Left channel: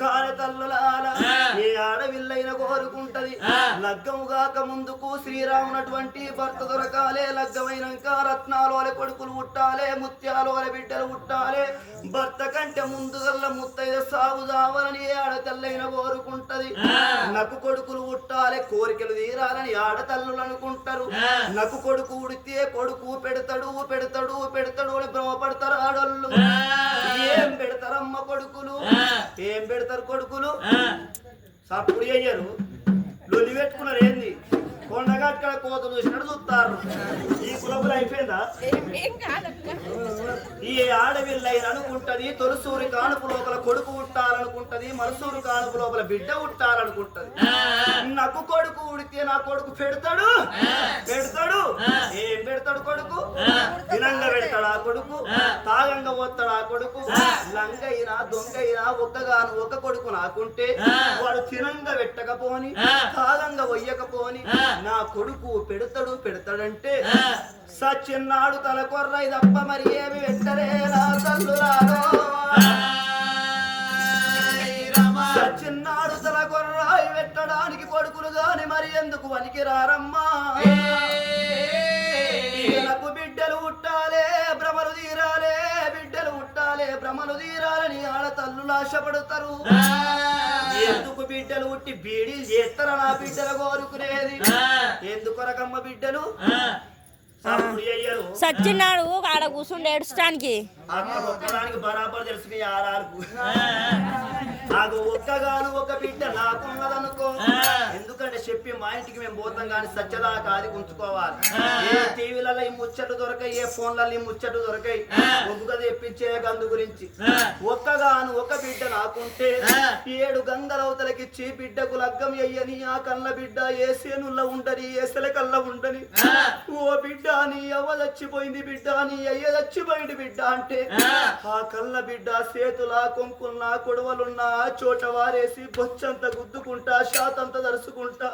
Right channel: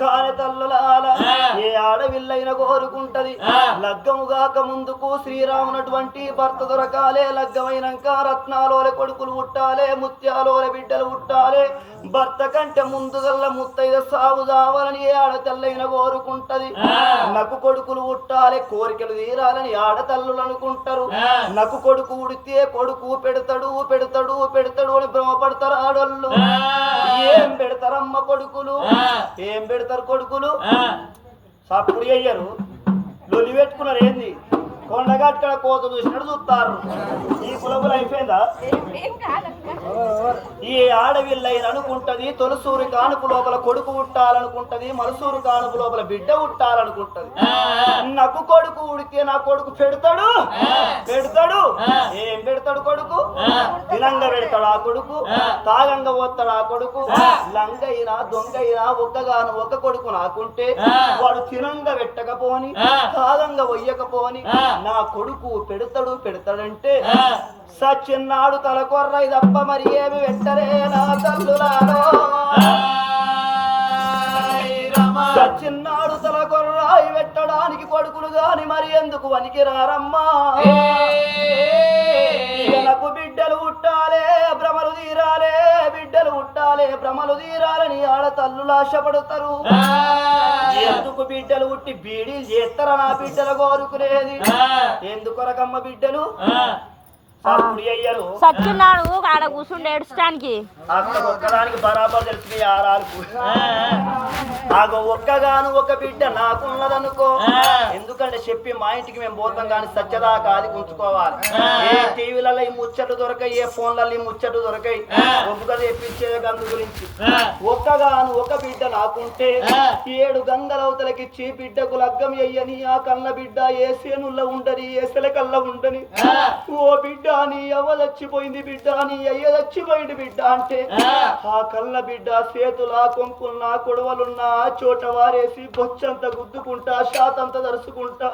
కాని తల్లులాల ఏ ఆడవిల్లైన కోరుకుంటది లగ్గముగాక ముందుకు శ్రీరామునటువంటి భర్త దొరకాలే, లగ్గమైనాక రత్నాలోల కొడుకులు పుట్టాలే, ముత్యాలోల బిడ్డలు పుట్టాలే, భర్త కంటే ముందుగల్ల ముత్తైద సాగు కావాలని ఏ ఆడతల్లైన కోరుకుంటది. నాకు కొడుకులు పుట్టాలే, కోరికలు తీరాలని ఆడతల్లులు అనుకుంటారు. నాకు కొడుకు ఉడితే కొడుకు పెడతాడు పెడతాడు పెడతాడు అని భ్రమపడతారు ఆడోళ్ళు. ఏం పెడతారమ్మ కొడుకులు, ఏం పెడతారు కొడుకులు? సప్పుడు అయ్యారు, లొలి పెట్టుకున్నారు. ఏంది కొండగట్ట కోత చూసినట్టు చూస్తారు. ఈ కులబులు అయిపోయిందా? ఈ ఆడవిల్లైన అనుకుంటది తొలసూరి కానుపు లోపల కొడుకు ఉట్టాలనుకుంటది, మలసూరు కానుపు లోపల బిడ్డ ఉట్టాలనుకుంటది. నాకు కొడుకు ఉడితే నా కొడుకు పెడతాడు పెడతాడు. ఏం పెడతాడు కొడుకు? తినంగా పెడతాడు ఆ కొడుకు, తాగంగా పోతాడు ఆ కొడుకు. లంగైనా దొంగైనా ఒక్కగాను ఒక కొడుకు నాకుంటే వాడు తినంగా పెట్టకపోని తాగంగా వయ్యకపోని నా కొడుకు పెడతాడు పెడతాడంటే సచ్చిన్నాడు తల కొర్రై తప్ప మరి ఏమి పెట్టరే నా తల్లులాడో. సచ్చిన్నాడు తల కొర్రాయి పెట్టడానికి కొడుకులు గాని మరి ఎందుకు వనికి రారమ్మా? నాకు బిడ్డలు ఉట్టాలే, భ్రమలు తీరాలే, బిడ్డలు ఉట్టాలే, భ్రమలు తీరాలని ఆడ తల్లులు ఆశపడతారు. ఎందుకు బిడ్డలు ఉట్టి బీడీలు చేస్తారా నా బిడ్డలు కోరుకునేది? ఎందుకొరకమ్మ బిడ్డలు? సచ్చిన్నాడు ఆడ కూర్చుండి ఏడుస్తానికి అక్కడ ఒక్కదానికి బరాబర్ తెలిసి ఆరాలకు ఆగో ఒక్కగాను ఒక బిడ్డ నాకున్నదనుకో. ఎందుకంటే చెప్పి మా ఇంటికి మేము పోతాం కానీ సత్యదాకా అది ఉంచుకోవాలి. ఏ టీవీలలో ఈ ముచ్చట్లు దొరకాయి, ఏ ఫోన్లలో ఈ ముచ్చట్లు దొరకాయి, ఒక్క తెప్పించే గందు గురించి. ఒక్కగాను ఒక బిడ్డ నాకుంటే 7 గంగలవతలకిచ్చి బిడ్డకు లగ్గం అయ్యని ఆ కళ్ళ బిడ్డ ఏ సేనుల్లో ఉండని ఏసల కళ్ళ ఉండని. ఓ బిడ్డ నీ అవ్వ చచ్చిపోయింది, బిడ్డ నీ అయ్య చచ్చిపోయింది బిడ్డ అంటే ఆ కళ్ళ బిడ్డ చేతులా కొంకున్నా కొడవలున్నా చోట వారేసి బొచ్చంత గుద్దుకుంటా శాతంత దరుచుకుంటా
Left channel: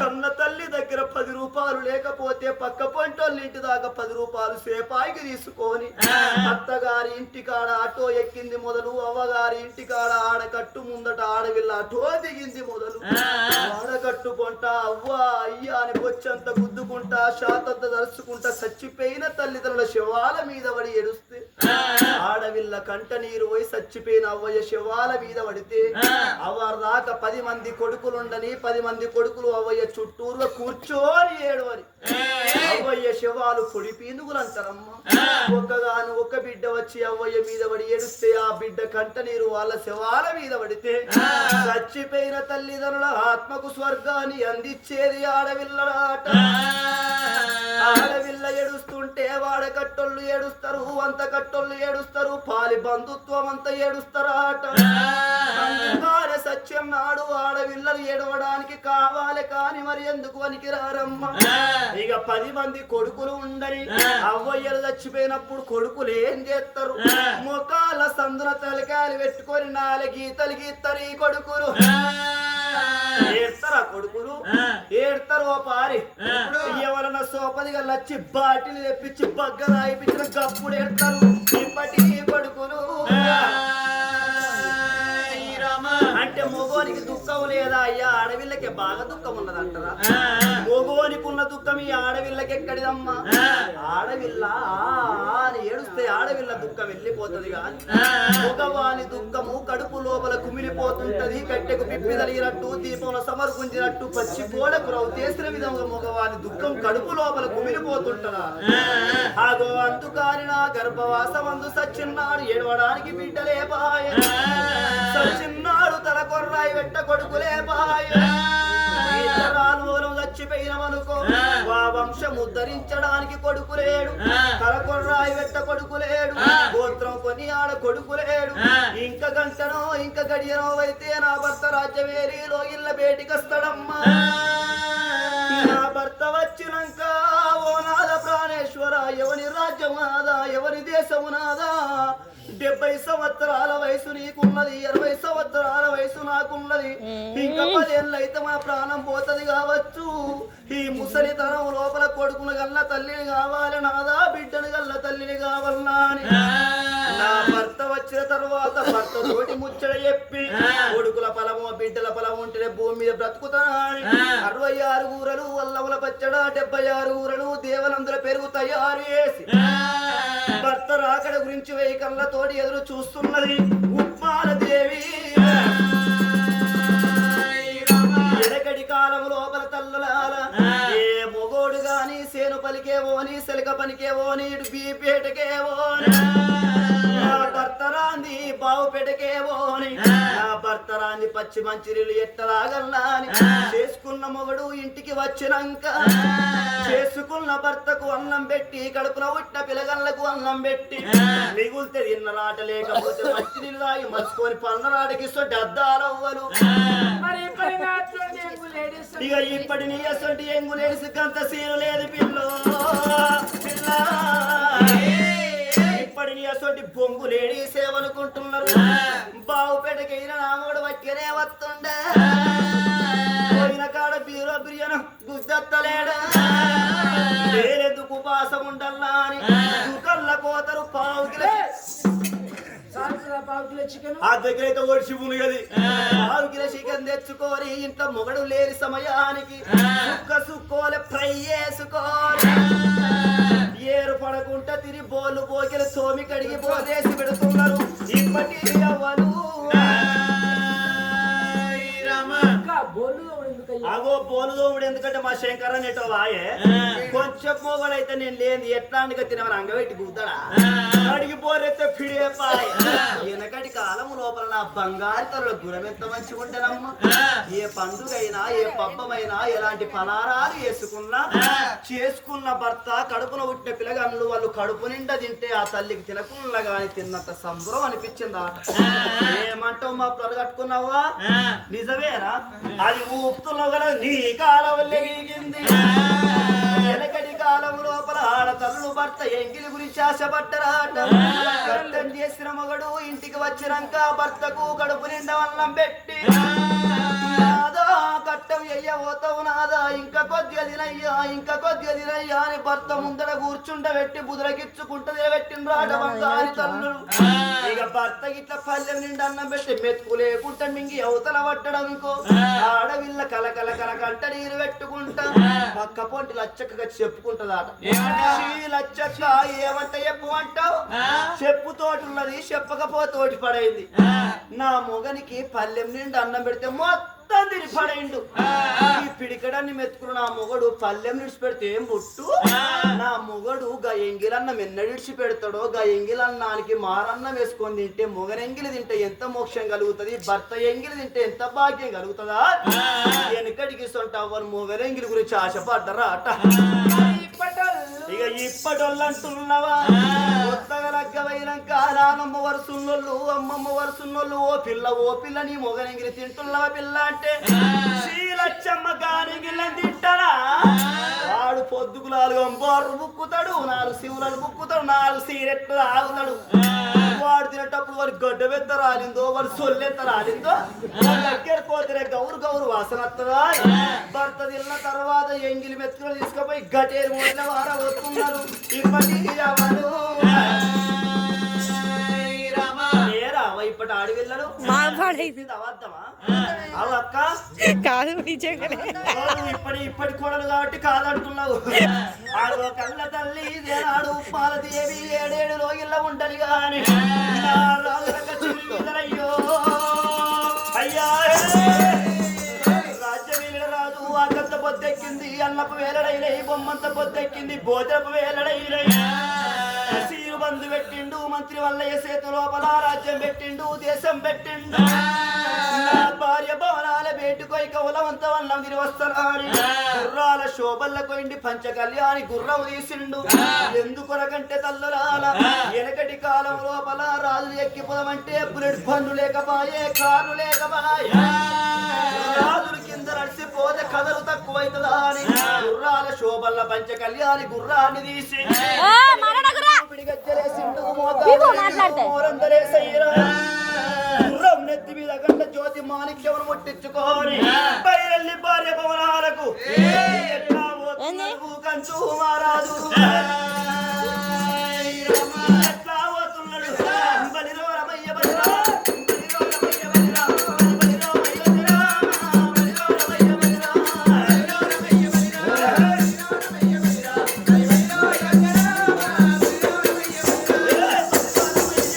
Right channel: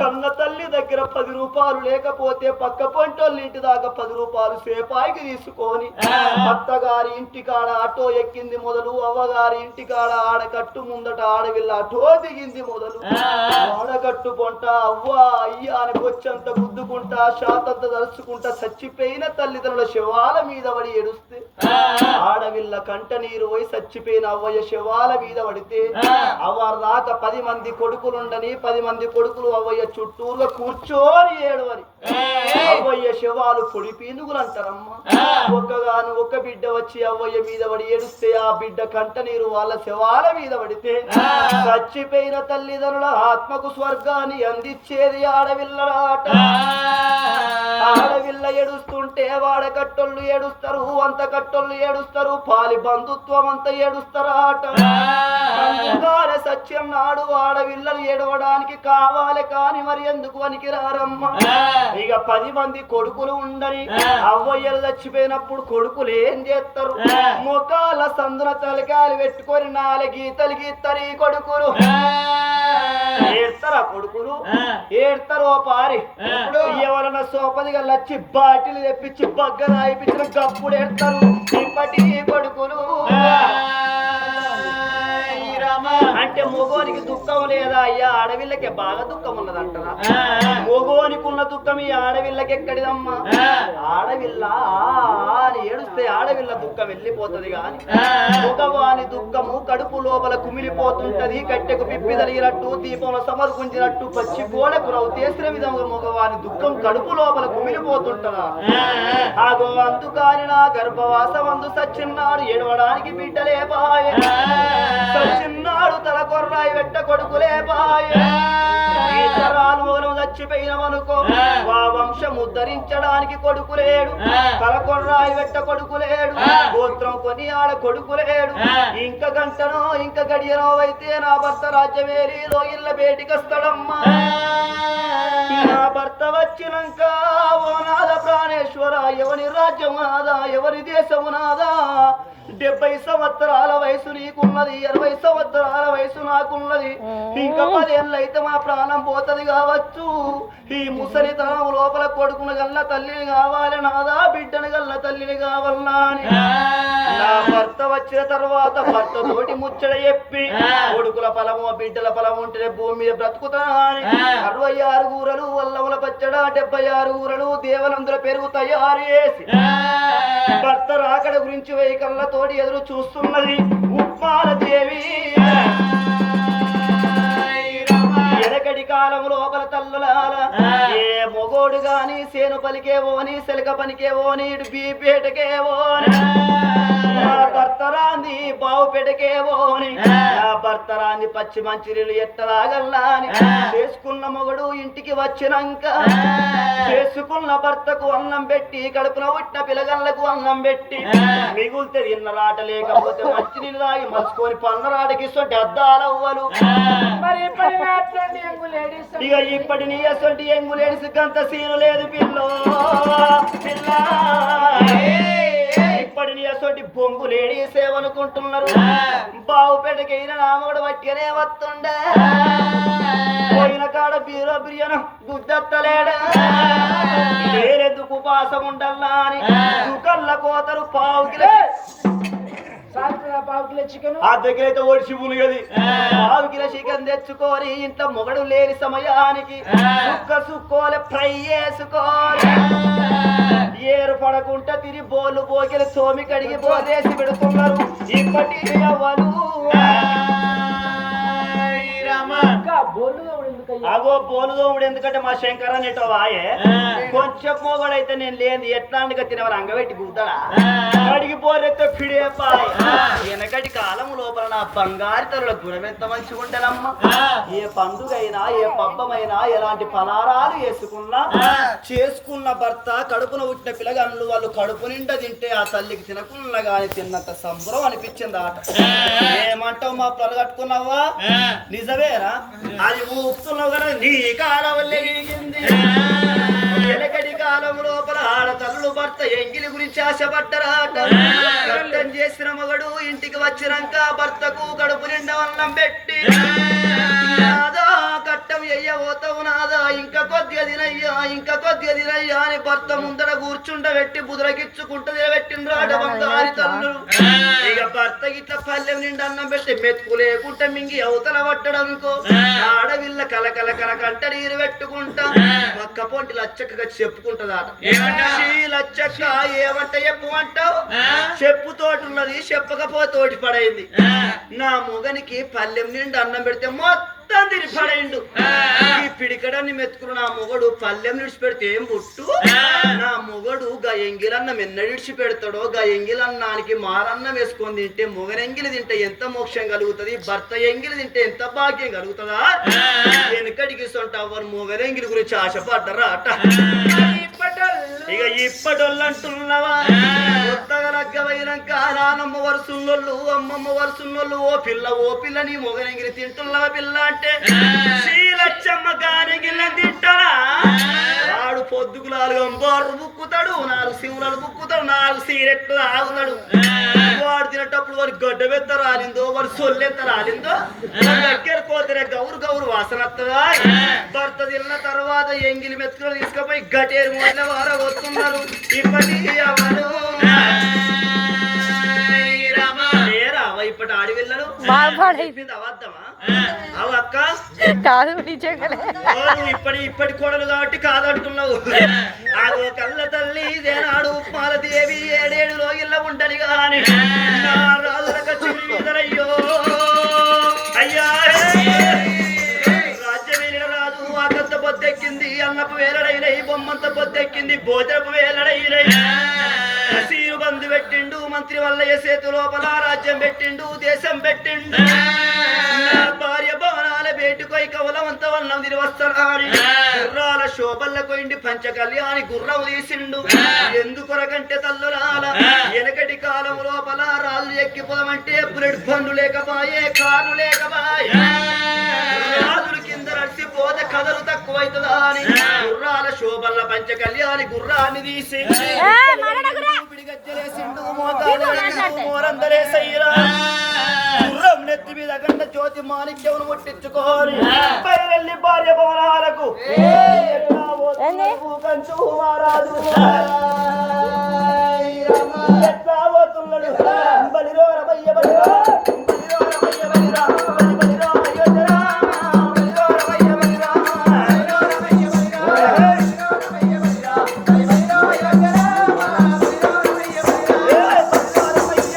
కన్న తల్లి దగ్గర 10 రూపాయలు లేకపోతే పక్క పంటోళ్ళ ఇంటి దాకా 10 రూపాయలు సేపాయికి తీసుకొని అత్తగారి ఇంటికాడ ఆటో ఎక్కింది మొదలు, అవ్వగారి ఇంటికాడ ఆడకట్టు ముందట ఆడవిల్ల ఆటో దిగింది మొదలు. ఆడకట్టు కొంట అవ్వ అయ్యా అని బొచ్చంత గుద్దుకుంటా శాతంత దరుచుకుంటా చచ్చిపోయిన తల్లిదండ్రుల శవాల మీద పడి ఏడుస్తే ఆడవిల్ల కంట నీరు పోయి చచ్చిపోయిన అవ్వయ్య శవాల మీద పడితే అవ్వారు దాకా 10 మంది కొడుకులుండని 10 మంది కొడుకులు అవ్వయ్య చుట్టూరుగా కూర్చోని ఏడవని అవ్వయ్య శవాలు పొడి పీనుగులు అంటారమ్మా. ఒక్కగాను ఒక బిడ్డ వచ్చి అవ్వయ్య మీద పడి ఏడుస్తే ఆ బిడ్డ కంట నీరు వాళ్ళ శవాల మీద పడితే చచ్చిపోయిన తల్లిదండ్రుల ఆత్మకు స్వర్గాన్ని అందించేది ఆడవిల్లలాట. ఆడవిల్ల ఏడుస్తుంటే వాడకట్టోళ్ళు ఏడుస్తారు, అంత కట్టోళ్ళు ఏడుస్తారు, పాలి బంధుత్వం అంతా ఏడుస్తారాట. అందుకనే సత్యం నాడు ఆడవిల్లలు ఏడవడానికి కావాలి కాని మరి ఎందుకు వనికి రారమ్మ? ఇక 10 మంది కొడుకులు ఉండని అవ్వయ్యలు చచ్చిపోయినప్పుడు కొడుకులు ఏం చేస్తారు? మొకాల సందున తలకాయలు పెట్టుకొని 4 గీతలు గీస్తారు ఈ కొడుకులు. ఏడతారా కొడుకులు? ఏడతారు ఓ పారి. ఎవరన్నా సోపదిగా లచ్చి బాటిల్ తెప్పించి బగ్గర అయిపించిన గప్పుడు ఏడతారు ఇప్పటి కొడుకులు. అంటే మొగోనికి దుఃఖం లేదా అయ్యా? ఆడవిల్లకే బాగా దుఃఖం ఉన్నదంటారా? మొగోనికి ఉన్న దుఃఖం ఈ ఆడవిల్లకి ఎక్కడిదమ్మా? ఆడవిల్ల అని ఏడుస్తే ఆడవిల్ల దుఃఖం వెళ్ళిపోతుంది కానీ మగవాని దుఃఖము కడుపు లోపల కుమిలిపోతుంటది. కట్టెకు పిప్పి తలిగినట్టు దీపంలో సమర్పించినట్టు పచ్చి గోడకు రవ్వు చేసిన విధంగా మగవాని దుఃఖం కడుపు లోపల కుమిలిపోతుంటదా? ఆగో అందుకాని నా గర్భవాసమందు సచ్చిన్నాడు ఏడవడానికి బిడ్డలే బాయ. సచ్చిన్నాడు తల కొర్రాయి వెట్ట కొడుకులే బాయ. తరాలు మూలం చచ్చిపోయినమనుకో ఆ వంశం ఉద్ధరించడానికి కొడుకులేడు, తల కొర్రాయి వెట్ట కొడుకులేడు, గోత్రం కొని ఆడ కొడుకులేడు. ఇంక గంటనో ఇంక గడియనో అయితే నా భర్త రాజ్యమేలిలో ఇళ్ళ బేటికొస్తాడమ్మా. నా భర్త వచ్చినాక ఓ నాద ప్రాణేశ్వర ఎవరి రాజ్యం నాదా, ఎవరి దేశం నాదా? 70 సంవత్సరాల వయసు నీకున్నది, 80 సంవత్సరాల వయసు నాకున్నది. ఇంకా 10 ఏళ్ళు అయితే మన ప్రాణం పోతది కావచ్చు. ఈ ముసలితనం లోపల కొడుకును గల్ల తల్లిని కావాలి నాదా, బిడ్డను గల్ల తల్లిని కావాలన్నా అని నా భర్త వచ్చిన తర్వాత భర్త తోటి ముచ్చట చెప్పి కొడుకుల పొలము బిడ్డల పొలం ఉంటేనే భూమి మీద బ్రతుకుతా అని 66 ఊరలు వల్లముల పచ్చడ 76 ఊరలు దేవనందుల పెరుగు తయారు చేసి భర్త రాకడ గురించి వైకర్లతోటి ఎదురు చూస్తున్నది ఉప్మాల దేవి. ఎనకటి కాలం లోపల తల్లులాల ఏ మొగోడు గాని సేను పలికేవోని సెలక పనికేవోని ఇటు బీపేటకేవోని నా భర్త రాంది బావు పెటకేవోని నా భర్త రాంది పచ్చి మంచినీళ్ళు ఎట్టలాగల్లా అని చేసుకున్న మొగడు ఇంటికి వచ్చినాక చేసుకున్న భర్తకు అన్నం పెట్టి కడుపున పుట్టిన పిల్లగళ్ళకు అన్నం పెట్టి మిగులితే తిన్నరాట లేకపోతే మంచినీళ్ళు తాగి మసుకొని పన్నరాటకి సొంటి అద్దాలవ్వలు ఇక ఇప్పటి నీ అసొంటి ఎంగు లేడిసి గంత సీరు లేదు పిల్లో పిల్ల ఇప్పటి నీ అసొంటి బొంగు లేడీ సేవనుకుంటున్నారు బావుపేటకైనా నామోడు పట్టుకనే వస్తుండే పోయిన కాడ బీరో బిర్యాను గుద్దత్తలేడా వేరెందుకు ఉపాసం ఉండల్లా అని దుకల్ల కోతరు పావు చికెన్ ఆ దగ్గర అయితే ఒడిసి పులిగది 1/2 కిలో చికెన్ తెచ్చుకొని ఇంట్లో మొగడు లేని సమయానికి సుక్కోలే ఫ్రై చేసుకోవాలి ఏరు పడకుండా తిరిగి బోళ్ళు పోకిలు సోమి కడిగి పోదేసి పెడుతున్నారు ఇప్పటి ఎవరు అగో బోలుదోముడు ఎందుకంటే మా శంకర నెటో వాయే కొంచెం మొగడైతే నేను లేని ఎట్లాంటిగా తినవారు అంగబెట్టి గుద్దాడా అడిగి పోరెత్తే ఫిడే పాయ్ వెనకటి కాలం లోపల నా బంగారు తరుల గుణం ఎంత మంచిగా ఉంటానమ్మ ఏ పండుగైనా ఏ పబ్బమైనా ఎలాంటి పలారాలు వేసుకున్నా చేసుకున్న భర్త కడుపున పుట్టిన పిల్లగాళ్ళు వాళ్ళు కడుపు నిండా తింటే ఆ తల్లికి తినకుండా గాని తిన్నంత సంబరం అనిపించింది ఆట ఏమంటావు మా పిల్లలు కట్టుకున్నావా నిజమేనా అది ఊపుతున్నావు కదా నీ కాలం వెనకటి కాలం లోపల ఆడతల్లు భర్త ఎంగిలి గురించి ఆశపడ్డరాట కట్టం చేసిన మగడు ఇంటికి వచ్చినాక భర్తకు కడుపు నిండా అన్నం పెట్టి నాదా కట్టం ఎయ్యబోతావు నాదా ఇంకా కొద్దిగా తినయ్యా అని భర్త ముందర కూర్చుండబెట్టి బుదరకిచ్చుకుంటదే పెట్టినరాట బంగారి తల్లు ఇక భర్త ఇట్లా పల్లెం నిండా అన్నం పెట్టి మెతుకు లేకుండా మింగి అవతల పట్టడంకో ఆడవిల్ల కలకల కలకంట నీరు పెట్టుకుంటా పక్క పొంటి లచ్చక్కగా చెప్పుకుంటదాట లచ్చక్క ఏమంట చెప్పమంటావు చెప్పుతోటున్నది చెప్పకపోతోటి పడైంది నా మొగనికి పల్లెం నిండా అన్నం పెడితే మొత్తం తిని పడైండు ఈ పిడికడాన్ని మెతుకులు నా మొగడు పల్లెం విడిచిపెడితే ఏం పుట్టు నా మొగడు గా ఎంగిలన్నం ఎన్న విడిచిపెడతాడో గా ఎంగిలన్నానికి మారన్నం వేసుకొని తింటే మొగనెంగిలి తింటే ఎంత మోక్షం కలుగుతుంది భర్త ఎంగిలి తింటే ఎంత భాగ్యం కలుగుతుందా వెనకడికి సొంట అవ్వరు మొగనెంగిలి గురించి ఆశపడ్డరా అట ఇక ఇప్పటోళ్ళు అంటున్నావా కొత్తగా లగ్గమైనాక నానమ్మ వరుసున్నోళ్ళు అమ్మమ్మ వరుసున్నోళ్ళు ఓ పిల్ల నీ మొగనెంగిలి తింటున్నావా పిల్ల అంటే శ్రీలచ్చమ్మ గానెంగిలి తింటారా వాడు పొద్దుకు 4 అంబారు బుక్కుతాడు 4 సింహులు బుక్కుతాడు 4 సిగరెట్లు తాగుతాడు వాడు తినేటప్పుడు వాడి గడ్డ వెత్త రాలిందో వాడు సొల్లెత్త రాలిందో దగ్గర పోతే గౌరు వాసన వస్తుందా భర్త తిన్న తర్వాత ఎంగిలి మెతుకులు తీసుకుపోయి గటేరు మొదల వార వస్తున్నారు ఇప్పటి ఎవరు ఇప్పటి ఆడి వెళ్ళరు అవద్దమా అవు అక్క కాదు ఇప్పటి కోడలు కాబట్టి కాదంటున్నావు అదో కళ్ళ తల్లి దేనాడు పాలదేవి 7 రోజుల్లో ఉండని గాని రాజులకయ్యో అయ్యా రాజ్యమేలిన రాజు ఆకంత పొద్దెక్కింది అన్నపు వేలడైనై బొమ్మంత పొద్దెక్కింది భోజనపు వేలడైనై సీరు బంధు పెట్టిండు మంత్రి వల్ల చేతు లోపల రాజ్యం పెట్టిండు దేశం పెట్టిండు భార్య భవనాల బేటుకొయి కవలవంత వల్లం తిరిగి వస్తారని గుర్రాల శోభల్ల కొయిండి పంచ కళ్యాణి గుర్రం తీసిండు ఎందుకొరకంటే తల్లురాల వెనకటి కాలం లోపల రాళ్ళు ఎక్కిపోదామంటే బుల్లెట్ బండ్లు లేకపాయే కార్లు లేకపాయే రాజులు కింద నడిచిపోతే కథలు తక్కువైతుందా అని గుర్రాల శోభల్ల పంచ కళ్యాణి గుర్రాన్ని తీసి గుర్రం నెత్తి మీద గంట జ్యోతి మాణిక్యం ముట్టించుకోని బయలు భార్య భవనాలకు కంచు మారాదు ఎట్లా పోతున్నాడు బలిరో రమయ్య బలిరా బలిరో రమయ్య బలిరా బలిరో రమయ్య బలిరా బలిరో రమయ్య బలిరా బలిరో రమయ్య బలిరా బలిరో రమయ్య బలిరా బలిరో రమయ్య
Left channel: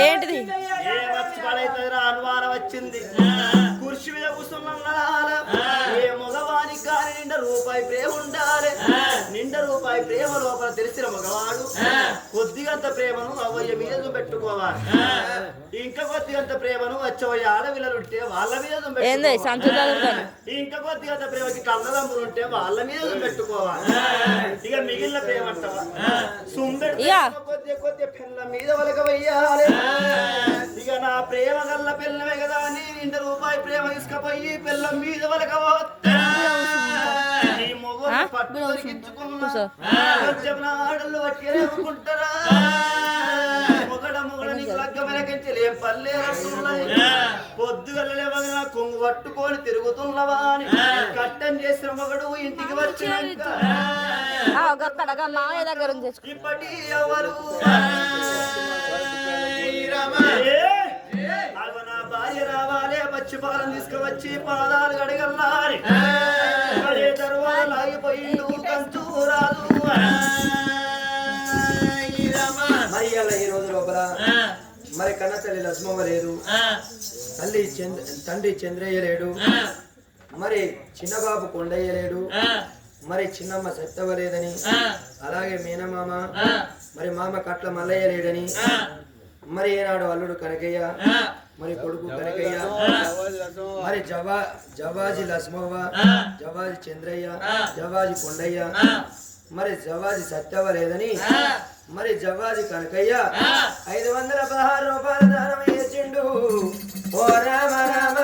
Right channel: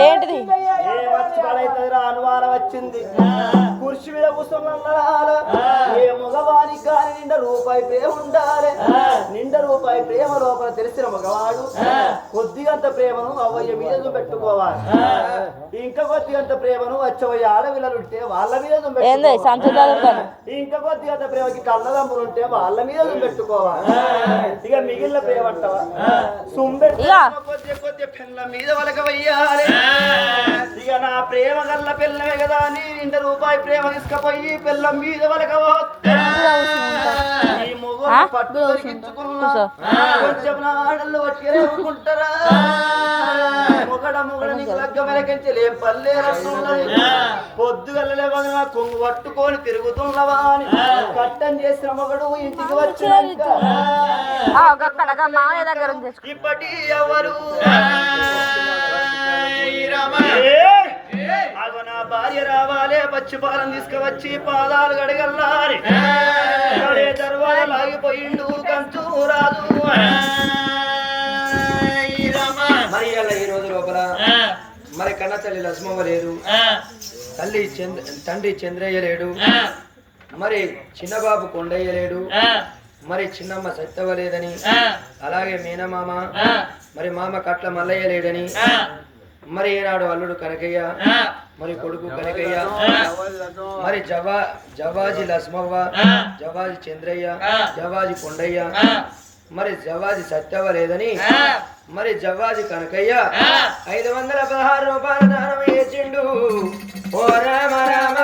ఏంటిది అనుమానం వచ్చింది కుర్చీ మీద కూర్చున్నాల ఏ మగవానికి కానీ నిండా రూపాయి ప్రేమ ఉండాలి నిండా రూపాయి ప్రేమ లోపల తెలిసిన మగవాడు కొద్దిగంత ప్రేమను అవయ్య మీద పెట్టుకోవాలి ఇంకా కొద్దిగంత ప్రేమను వచ్చవయ్య ఆడపిల్లలుంటే వాళ్ళ మీద ఇంకా కొద్దిగంత ప్రేమకి కన్నదమ్ములు ఉంటే వాళ్ళ మీద పెట్టుకోవాలి ఇక మిగిలిన ప్రేమ అంటావా కొద్ది పెళ్ళ మీద వలక వెయ్యాలి ఇక నా ప్రేమ గల్ల పిల్లమే కదా నీ నిండా రూపాయి ప్రేమ తీసుకపోయి పిల్లం మీద వలక ఈ మొగ పట్టు దొరికించుకున్నా కొంచెం ఆడళ్ళు పట్టుకుంటారా మొగడ నీకు లగ్గ వెనకించలే పల్లె రస్తున్నది పొద్దుగల్లలే వదిన కొంగు పట్టుకొని తిరుగుతున్నవా అని కట్టం చేసిన మొగడు ఇంటికి వచ్చినాక ఇప్పటి ఎవరు నా భార్య రావాలే పచ్చి పాలన తీసుకువచ్చి పాదాలు గడగల్లారి తర్వాత లాగిపోయిండు కంచు రాదు మరి ఈ రోజు లోపల మరి కన్న తల్లి లక్ష్మమ్మ లేదు, తండ్రి చంద్రయ్య లేడు, మరి చిన్నబాబు కొండయ్య లేడు, మరి చిన్నమ్మ సత్తవ లేదని, అలాగే మీనమామ మరి మామ కట్ల మల్లయ్య లేడని, మరి ఏనాడు అల్లుడు కనకయ్య మరి కొడుకు కనకయ్య మరి జవాజీ లక్ష్మవ్వ, జవాజీ చంద్రయ్య, జవాజీ కొండయ్య, మరి జవాజీ సత్యవ లేదని, మరి జవాజీ కనకయ్య 516 రూపాయల దానం ఇచ్చిండు. ఓ రామ రామ